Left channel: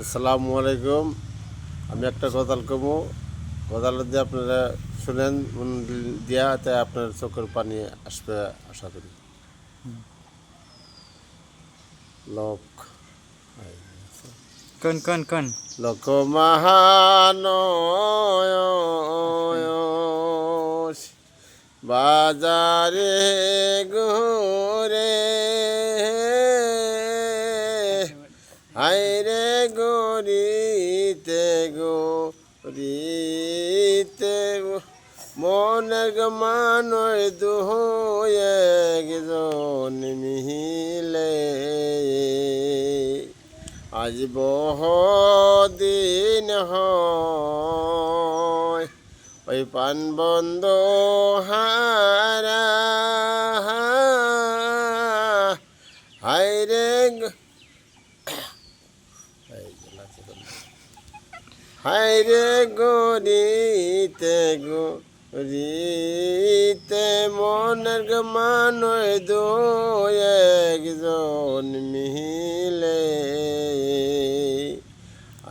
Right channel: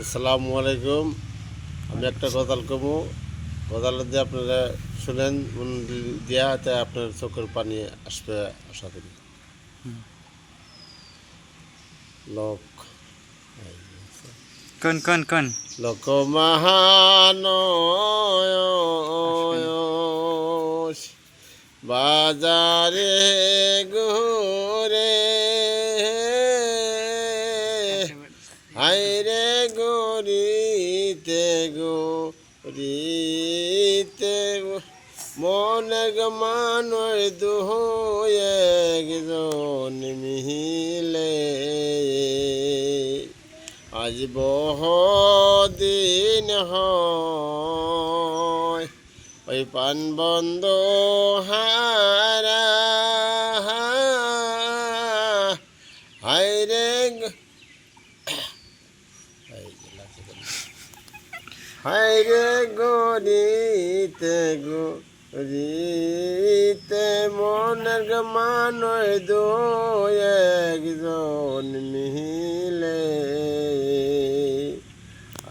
আসসালামু আলাইকুম। আমি একটা গজাল কমু, গজাল দিয়ে আপনারা শুনেন, মন দিয়া তাই আপনার চোখের পানি আসবে আশা করি। লোক কোন কোন কোন লোক মহান আসবেন বাজারে ঘুরে হাইরে গরিতে গরিতে মনের মানয় দুহ একজন মিলে আজ বহুদিন হয় ওই পান বন্ধ হারা হাইরে হাইরে গরিতে গরিতে মনের মানয় দো একজন মিহি